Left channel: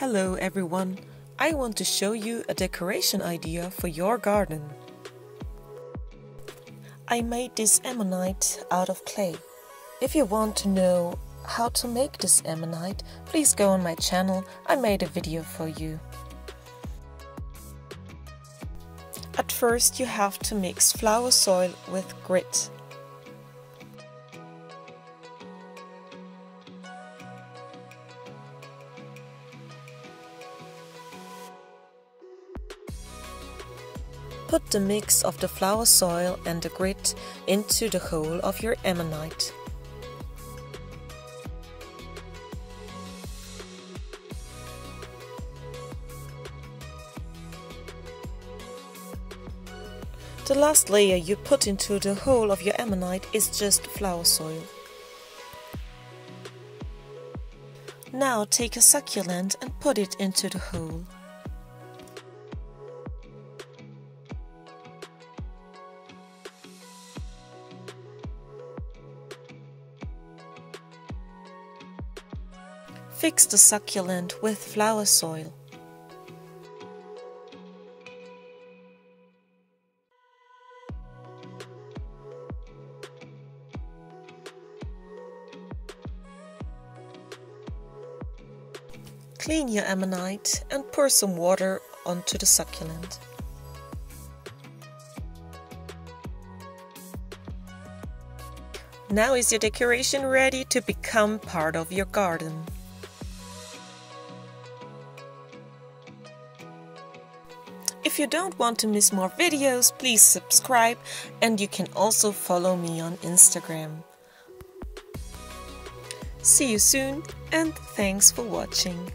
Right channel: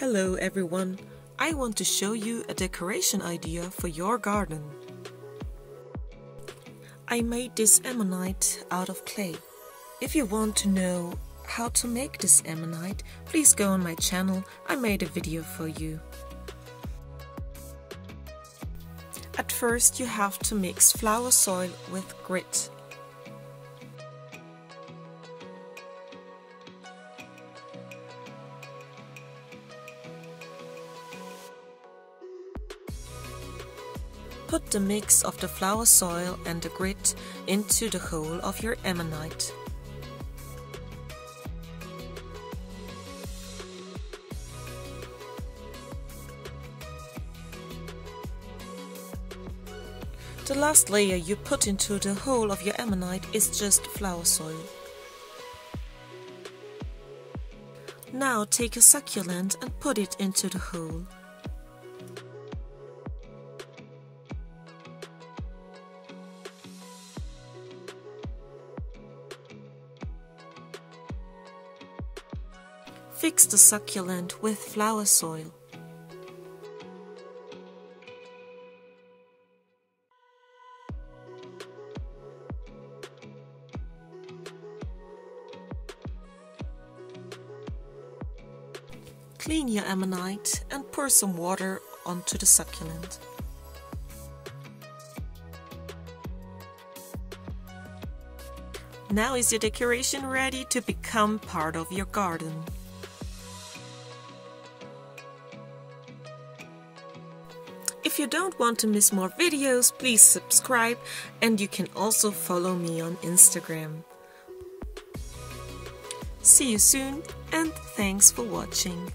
Hello everyone, I want to show you a decoration idea for your garden. I made this ammonite out of clay. If you want to know how to make this ammonite, please go on my channel, I made a video for you. At first you have to mix flower soil with grit. Put the mix of the flower soil and the grit into the hole of your ammonite. The last layer you put into the hole of your ammonite is just flower soil. Now take a succulent and put it into the hole. Fix the succulent with flower soil. Clean your ammonite and pour some water onto the succulent. Now is your decoration ready to become part of your garden. If you don't want to miss more videos, please subscribe, and you can also follow me on Instagram. See you soon, and thanks for watching.